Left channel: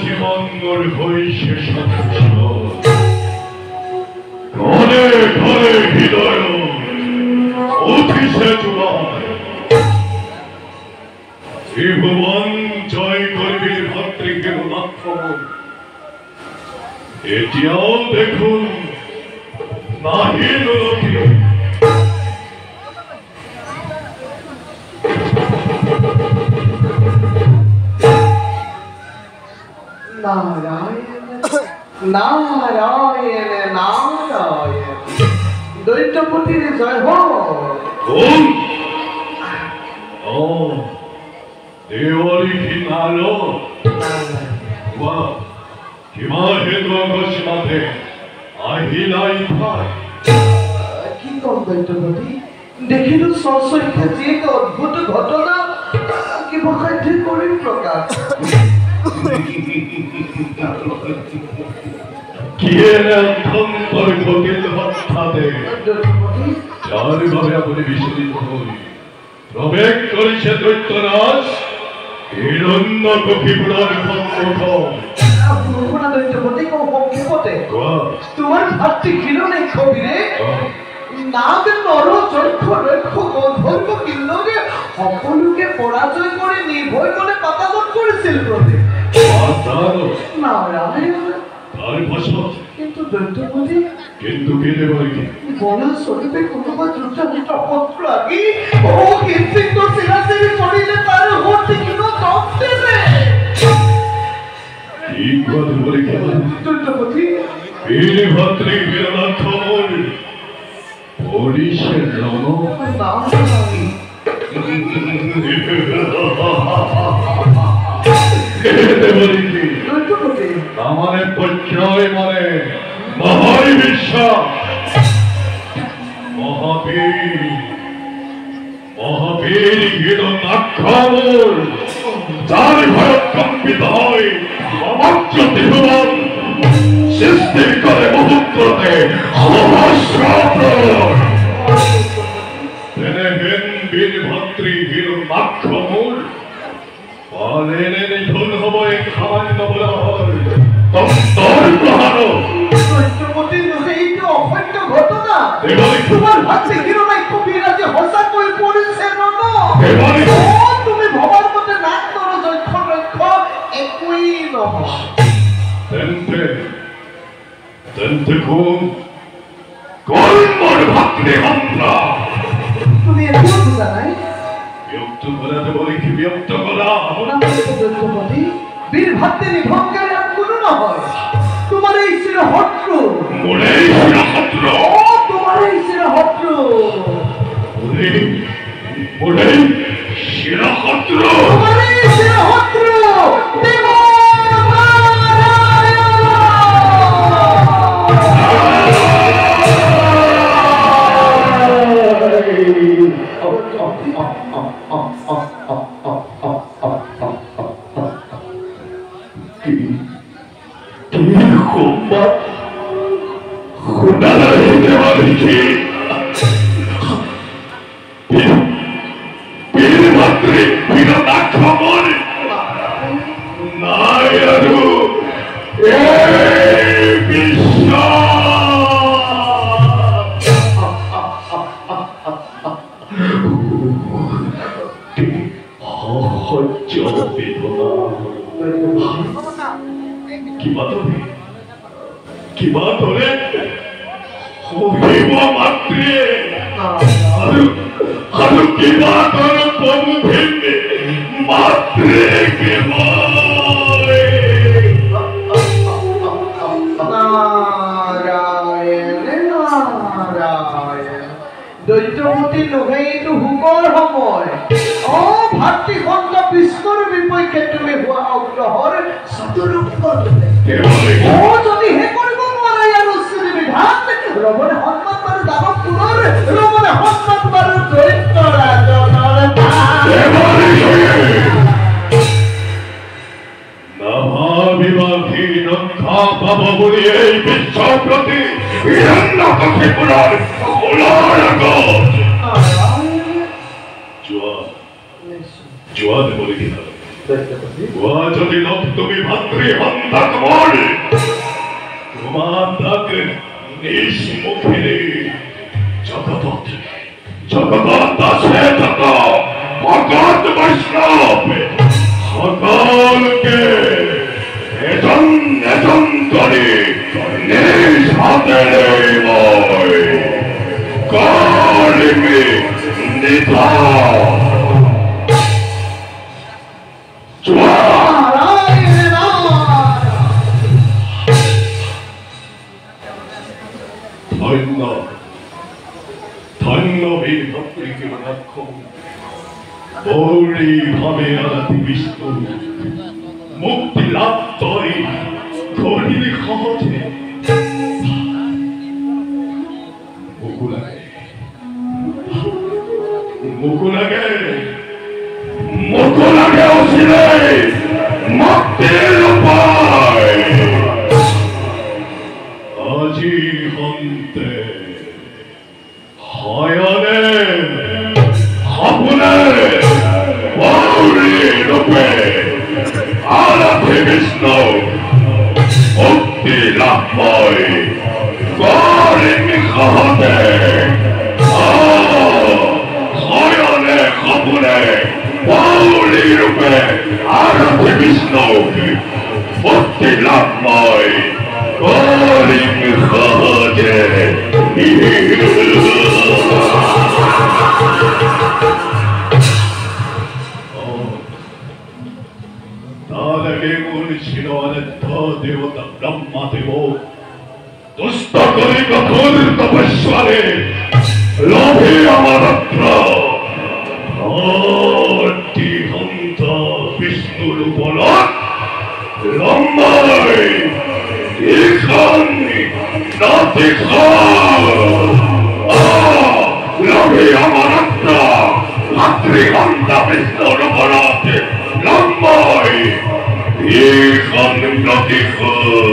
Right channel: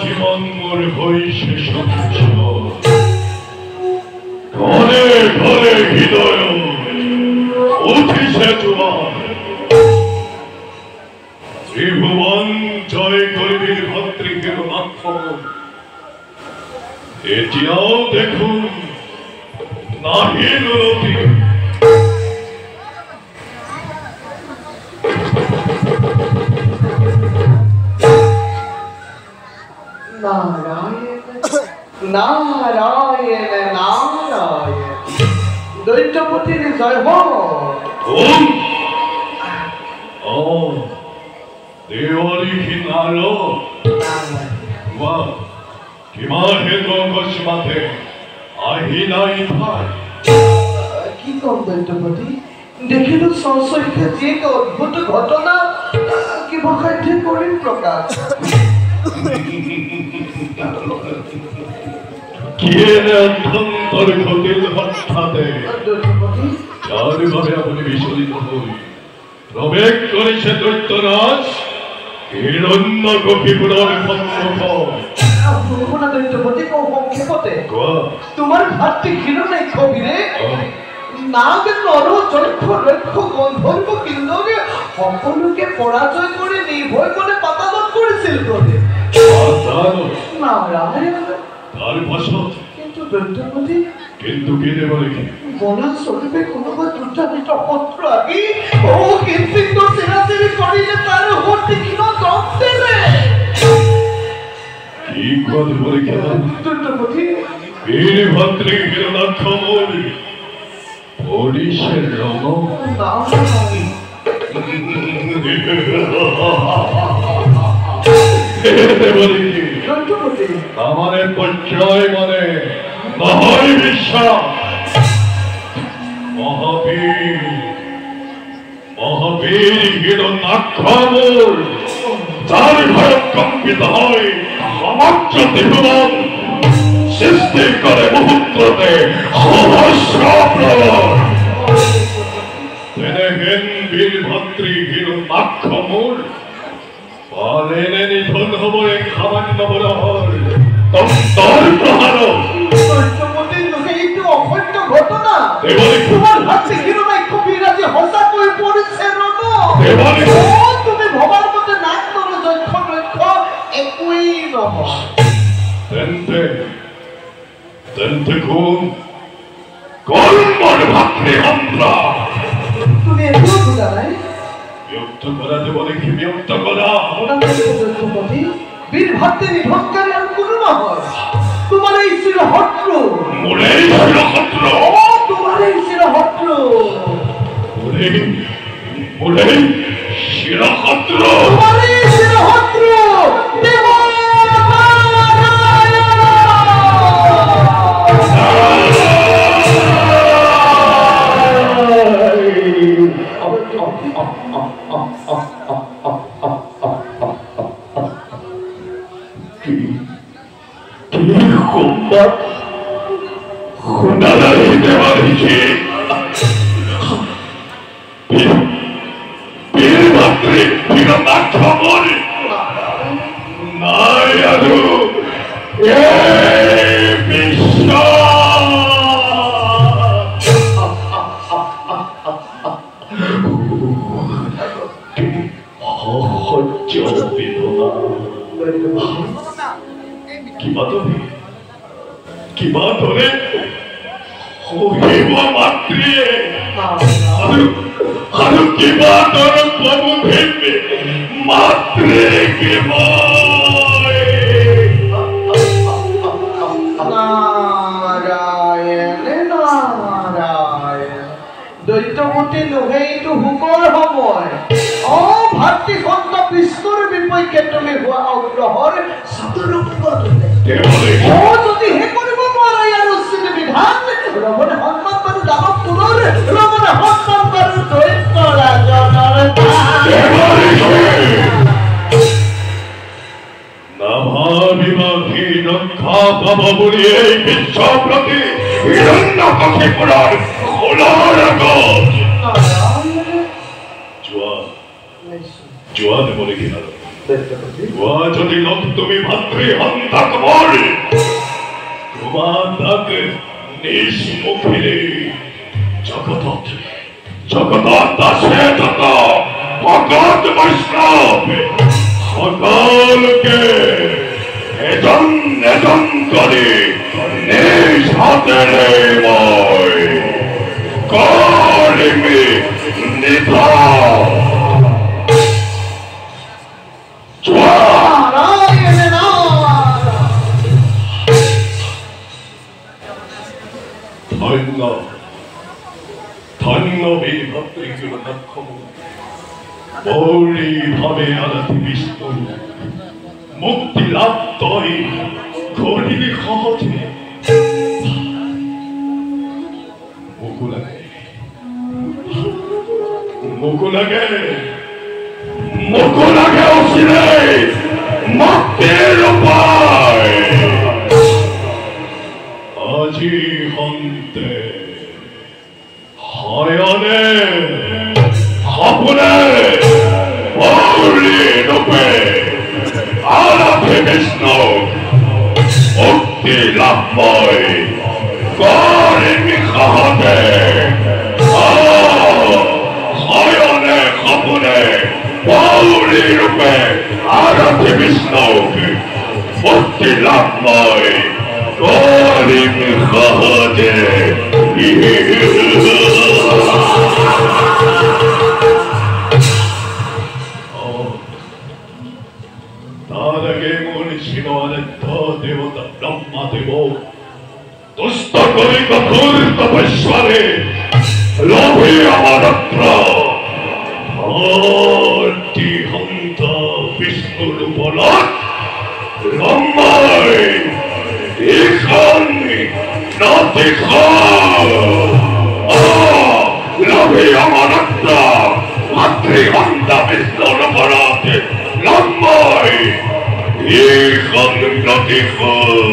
জীবন মোর হইছে সবকিছু ঘরে ঘরে হৃদয় উঠিছে জোয়ার ত্রিভুবন জয় করবি ভদ্রিকের লক্ষণ এটিও দেখুন নাহি নতি নারায়ণ নারায়ণ দৈত্যপতির জয় হোক। দেওয়ালি কি নালো কিমা হে দোগসমাতে আহিলাই ভাই কি কম দৈত্যপতি দেখিলো সশৈকে যে এক অদ্ভুত ঘটনা কিবা কাঠি কৰি প্ৰকাশ কিয়েনে অভ্যন্তর ঘটিল হঠাতে চারুভাবে আপনি বিচলিত হই প্রবেশ করেছে দৈত্যরাজ হিরণ্য কপিপুরের সম্মুখ দৈত্যপতি সংক্ষেপতে তোমার ভাতৃ হিরণ্য কবিরে নাগ নর চক্ষ লক্ষ গন্ধর্ব কিন্নরে সকলোকে পরাজয় করে নির্ভয় করে পাতাদন করেছিল প্রভে নারায়ণ তার ভাষা কিন্তু দৈত্যপতি কিন্তু কে দেব নাকি বলা স্বরূপে কোনোবা দুর্জানিত পত্র আগে ও কীর্তিত সেনাসেরি শরীরে তার হতে কিনা দম দেবে কি কথা বলে কেন দৈত্যপতি বীর ভদ্রে হিরণাক্ষমর ওড়িশের রণ আমাদের পর্যায় মানে মহাই বিশ্বাস মহাবীর হিরণাক্ষমর তার ভয় কম্পিত হয় সমগ্র ত্রিভুবন সৃষ্টি করে মুহূর্ততে বীরভদ্রী হিরণাক্ষমর পালেনে নিধন হব এক সামান্য বলা হয় তন্তর প্রহার এইটো অসত্য ঘটনা তোমাৰ ভাতৃ হিৰণ্যাক্ষ বিৰাজে সঁচাকৈ পৰিছে তুমি ভবাৰ মতে নাক নৰ যক্ষ লক্ষ্য একোৱেই নহয় তেন্তে কোন মোৰ ভাতৃ হন্তা তুমি একো বুজা নাই বিয়ক্ত কৰাতে বলে কি বিয়ক্ত কৰা বীর ভাতৃ নিধনকারী আর কোনো নহয় তোমার এই শিরহত্র মোরে শিরহত্র তোমার এই শিরহত্র মোরে শিরহত্র তোমার এই শিরহত্র দেব বীরভদ্রী হিরণাক্ষমর নাই আৰু কিবা ধৰে হহিব মাত্ৰে আৰু কিবা ধৰে প্ৰভু ভেবে মাত্ৰে নাৰায়ণ নাৰায়ণ দৈত্যপতি লোহেইটো হুকৰ সময় ভাতৃ সন্ত বিষ্ণুৰ বিপক্ষে তুমি হোৱা অগ্ৰহৰ যদি হে কৰিব নোৱাৰা ইয়াৰ উচিত বিধান ৰমণে সন্মান বাৰু দানৱ পুনৰ ৰমণে সন্মান বাৰু দৈত্য ৰাজনৰ নাভাবিবাধী ৰক্ষা পাব বুলি এই বিশ্ব প্ৰতি হিৰণ্যকশিপুৰৰ খোলাৰ আগত যোৱা জোয়ান বলে কিনা যদি লোক তুমি ভাতৃ হন্তাক বলে তোমার তাকে নিজ মুখে জগৎ দাসে থাকা ভগত বৈষ্ণব সকলকে এজন করে নিজ হাতে করিমি নিধা ধন্য এই ভক্তি বৌলি ভাবে আলাতি বিষ্ণু মুক্তি লাভ করে ধরিলে সহজে মুকুলাগে অসিলে মুক্তির উপায় আজি হন্তে হয়নে হাপুনে বৌলি রূপে আলাতি বিষ্ণু মুক্তি লাভময় করিমি সহজে হয়নে হাপুনে বৌলি রূপে আলাতি বিষ্ণু মুক্তি লাভময় করিমি সহজে তাদেরকে বলেছিল অনেক দেবতা ব্রহ্মাদেব দুষ্ট করে কঠোর তপস্যারে লোভে অমরত্র হন্ত বিষ্ণুর উপলক লম্বাই লোভে অমরত্র মাতৃগন্ধা বিষ্ণুর উপলক লম্বাই এখন প্রতিফল